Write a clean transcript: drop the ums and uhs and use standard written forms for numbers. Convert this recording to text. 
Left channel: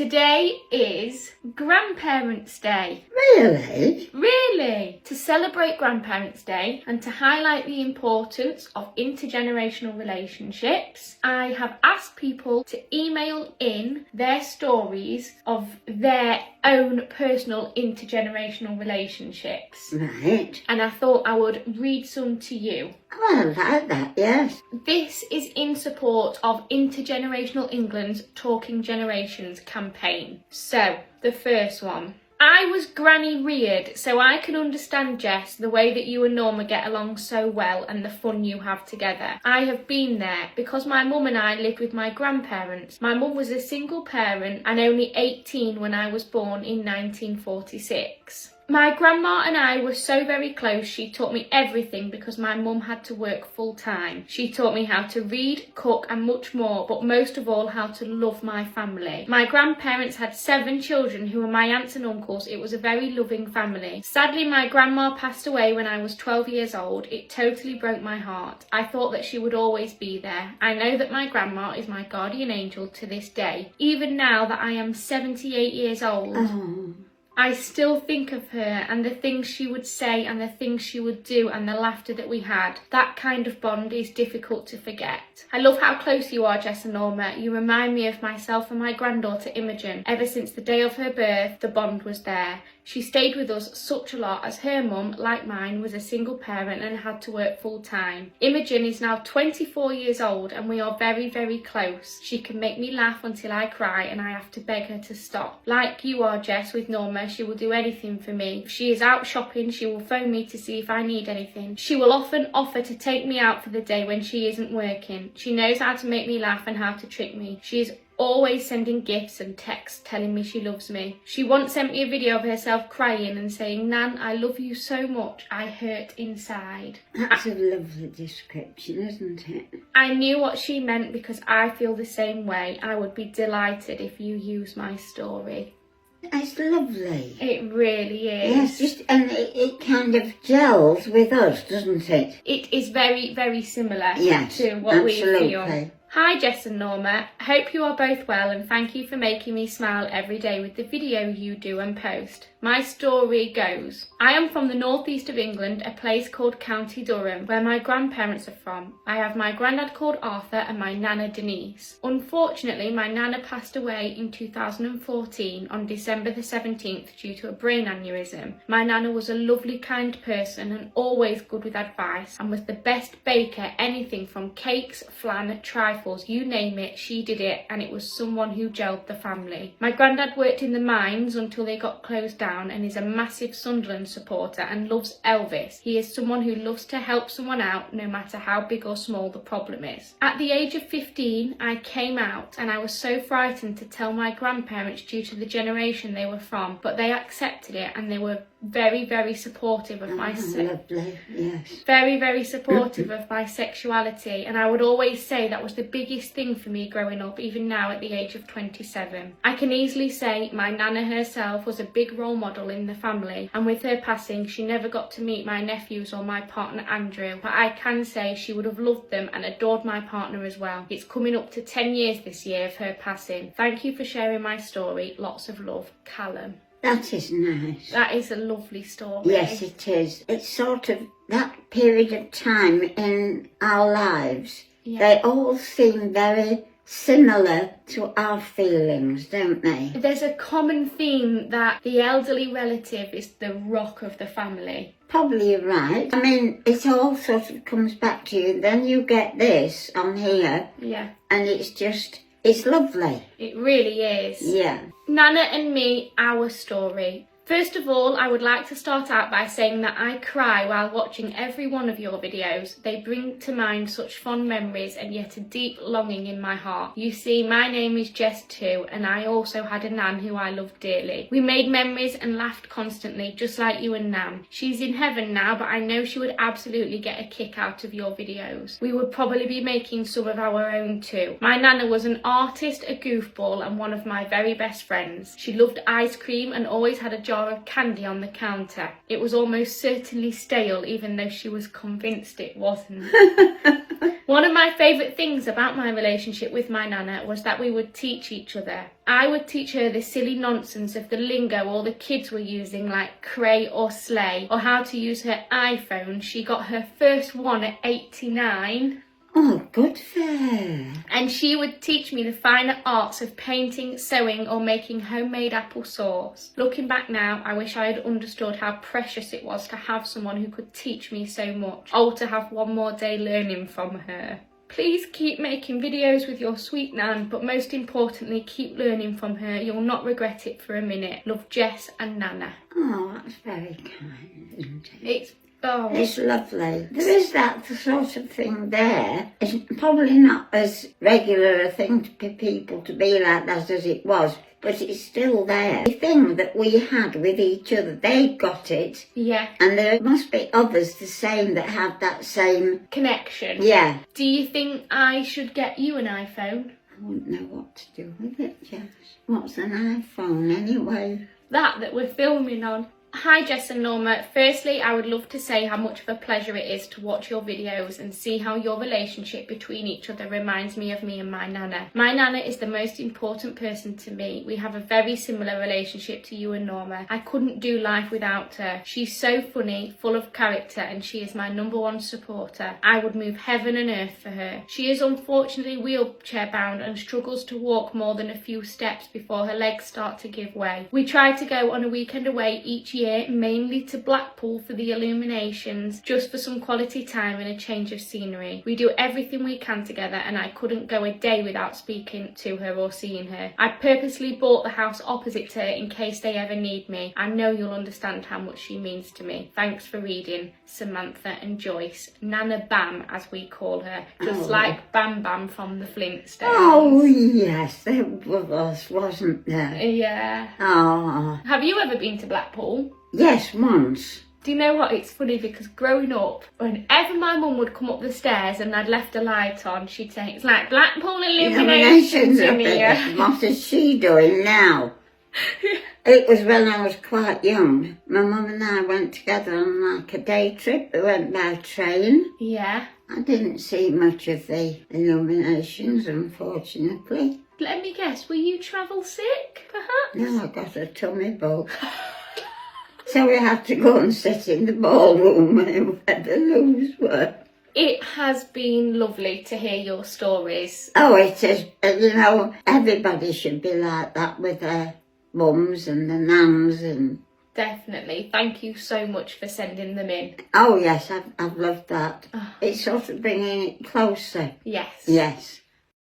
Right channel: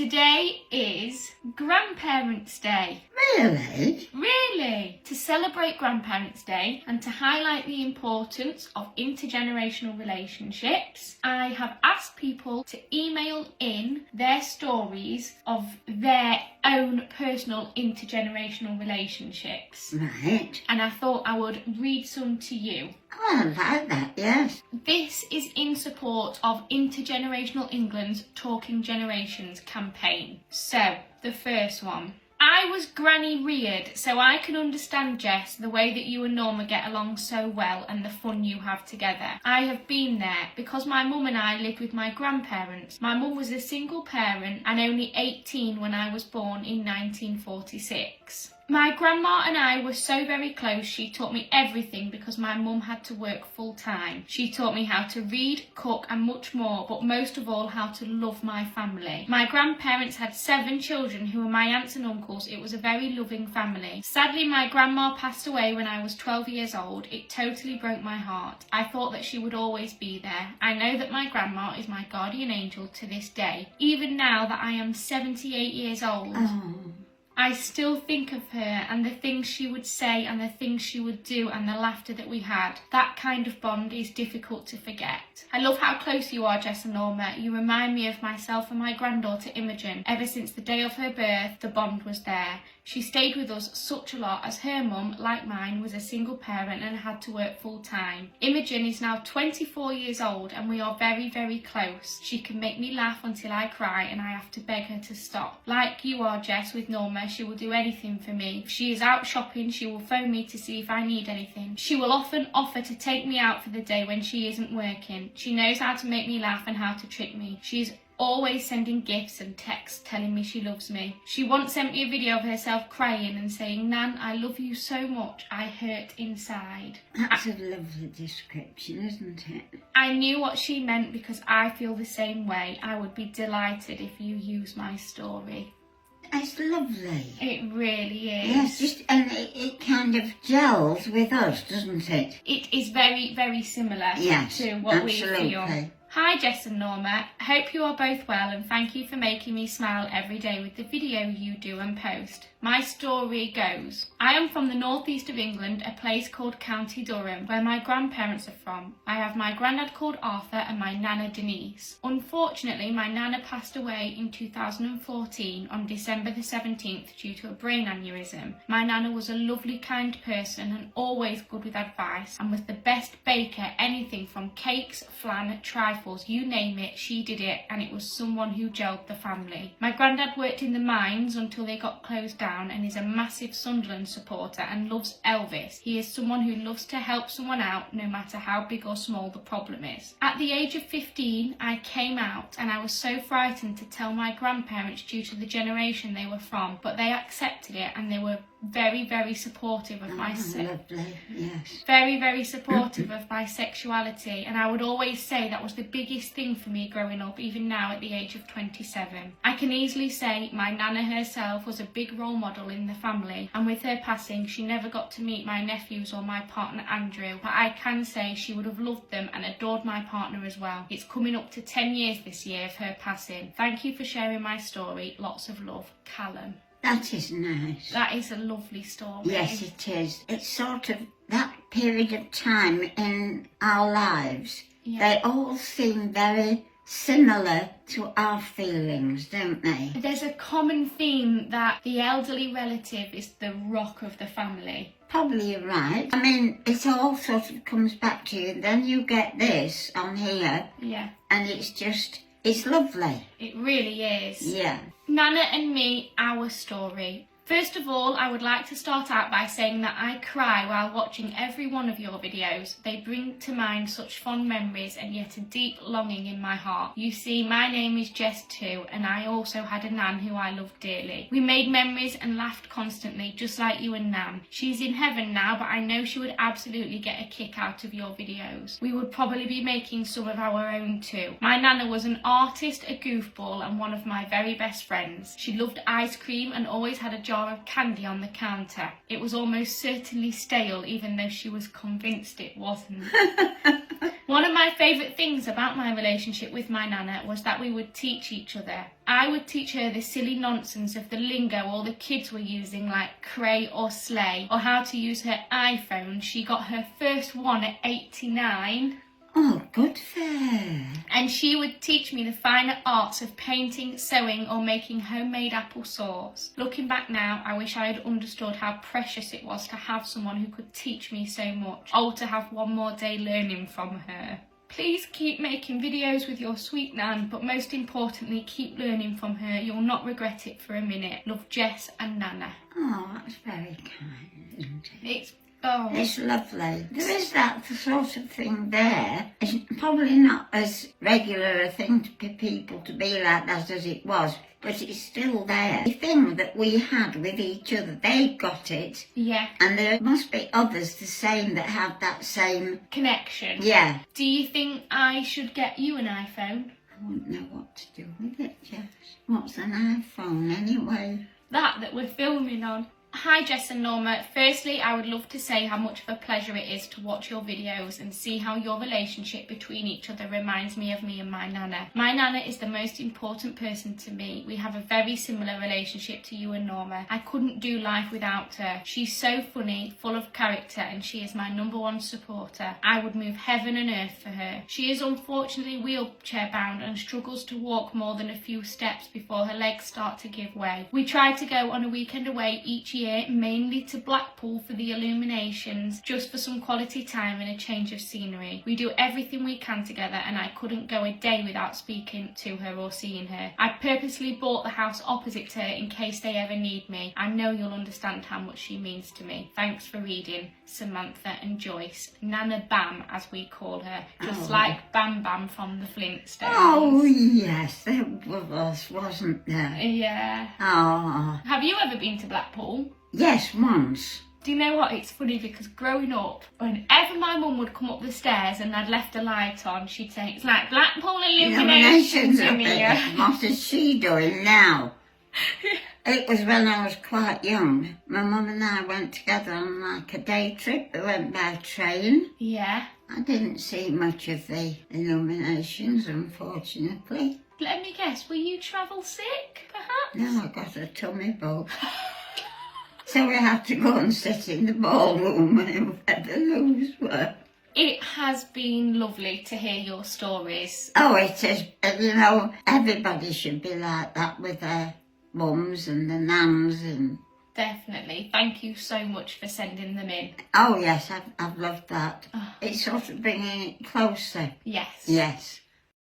Today is Grandparents' Day. Really? Really? To celebrate Grandparents' Day and to highlight the importance of intergenerational relationships, I have asked people to email in their stories of their own personal intergenerational relationships. Right. And I thought I would read some to you. Oh, I like that, yes. This is in support of Intergenerational England's Talking Generations campaign. So, the first one. I was granny reared, so I can understand, Jess, the way that you and Norma get along so well and the fun you have together. I have been there because my mum and I lived with my grandparents. My mum was a single parent and only 18 when I was born in 1946. My grandma and I were so very close. She taught me everything because my mum had to work full time. She taught me how to read, cook and much more, but most of all how to love my family. My grandparents had 7 children who were my aunts and uncles. It was a very loving family. Sadly, my grandma passed away when I was 12 years old. It totally broke my heart. I thought that she would always be there. I know that my grandma is my guardian angel to this day. Even now that I am 78 years old. Oh. I still think of her and the things she would say and the things she would do and the laughter that we had. That kind of bond is difficult to forget. I love how close you are, Jess and Norma. You remind me of myself and my granddaughter Imogen. Ever since the day of her birth, the bond was there. She stayed with us such a lot as her mum, like mine, was a single parent and had to work full time. Imogen is now 24 years old and we are very, very close. She can make me laugh until I cry and I have to beg her to stop. Like you are, Jess, with Norma, she will do anything for me. If she is out shopping, she will phone me to see if I need anything. She will often offer to take me out for the day when she isn't working. She knows how to make me laugh and how to trick me. She is always sending gifts and texts telling me she loves me. She once sent me a video of herself crying and saying, "Nan, I love you so much, I hurt inside." That's a lovely description, isn't it? I knew what she meant because I feel the same way. I would be delighted if you use my story. It's lovely. It really is. And it kind of gels with us, doesn't it? It is very, very similar to what absolutely. we feel. Hi Jess and Norma, I hope you are both well and thank you for making me smile every day with the video you do and post. My story goes, I am from the northeast of England, a place called County Durham, where my grandparents are from. I have my granddad called Arthur and my nana Denise. Unfortunately, my nana passed away in 2014 on December the 17th due to a brain aneurysm. My nana was a lovely, kind person and always good with advice and was the best baker, anything from cakes, flan, trifles, you name it, she did it, and it was someone who gelled the family. My granddad worked in the mines until they got closed down and is a massive Sunderland supporter and loves Elvis. He is someone who loves to help someone out no matter how big or small the problem is. At the age of 15, I came out and I was so frightened to tell my grandparents due to the generation they were from, but they accepted it and they were very, very supportive of my lovely, yes. Very, very supportive of my sexuality, and I would always say that was the biggest thing for me growing up, even now at the age of 27. I can easily say my nana herself was a big role model in the family, and with her passing she never got to meet my nephews or my partner Andrew, but I can say she would have loved them and adored my partner as well. It's coming up to 10 years this year of her passing. Thank you for sharing my story. Lots of love, Callum. That is nice. That is a lovely story. Yes, it is. It's sort of that period of time in our lives. Yeah. They all seem very similar to our feelings, don't they? There's a common theme that the elderly relative is the rock of the family. Probably you're right. I mean, it all sort of comes back to you. Then you get this on here. Yeah. And it's lovely. It really is. Yeah. Nana and me, our story. First of all, I would like to start out by saying that I cry while watching every one of your videos. They bring to mind such fond memories and yet a deep longing in my heart. You see, my name is Jess too, and I also had a nan who I loved dearly. We made memories and laughed constantly, just like you and Nan. She's in heaven now, but I know she would absolutely get a kick out of your videos. We would probably be making some of our own too. My nana was an artist, a goofball, and one of my very best friends. She loved ice cream and always had a jar of candy on the counter. It was almost certainly stale, even though she was convinced it wasn't. One of my favourite things about my relationship with my nana was that we would teach each other. I would teach her the silly nonsense of the lingo all the kids were using, like cray or slay, or how to use her iPhone. She got her first one at 89. Oh, good for her. And she would teach me the finer arts of painting, sewing, or making homemade apple sauce. Looking back now, I wish I had understood how precious it was to have someone who could teach me so much. Oh, to have one more day learning from her. Please keep making videos with your sweet Nan, but most importantly, keep learning from her. You'll not regret it for a minute. Love, Jess and Nana. Oh, that's very kind, isn't it? It's lovely. There is that sort of thing there. It's probably not as regular a thing for people to be like that as it was, but it's still there. The thing that we had with each other, they got it. Yeah. And there must be others the same that have that same connection. Yeah. Do you think I should get you an iPhone? I wouldn't know what to do with it, Jess. What's an iPhone anyway? That we're filming on. Hi Jess and Norma. Firstly, I would love to say how much of a pleasure it is to watch your videos and see how your relationship between each other reminds me of me and my Nana. My Nana is the most important person to me. We have a very similar relationship to you and Norma. I couldn't do life without her. She's so funny, full of character, and she is my #1 supporter. I would move heaven and earth for her. She is unfortunately wheelchair bound and struggles to walk more than a few steps before her legs start to give way. We try to go on a weekend away each year, mainly to Blackpool for the illuminations, just for some quality time and a change of scenery. We do everything we can together, and I couldn't go a day without speaking to her or seeing her. I purposely bought the house opposite to her in case they ever need me. I know you'll understand how much she means to me. Thanks for reading, Samantha and Joyce. Nana Bam, as we call her, just like Bam Bam from the Flintstones. Oh yes, there was, wasn't there? Yeah. Oh. Have you ever been to Blackpool? Yes, once. Do you know what? It's funny because growing up, whenever my mum would come up the stairs and I'd left a light on, she'd say, "It's like Blackpool illuminations in here." What is she doing now? It was when I was quite young. My mum and I went together on like a day trip. We went by train. Yeah. I didn't see much of the illuminations, unfortunately. Let me guess, were you travel sick, perhaps? No, I got a tummy bug. So we had to go and sit in the ballroom where the loos were. It has been lovely to hear your stories. Oh, it is. You know, everybody should be like that with their mums and their nans and... Definitely. Thank you so much for sending them in. Oh, yes, I've loved that. It's sort of bringing it closer. Yes. Yes.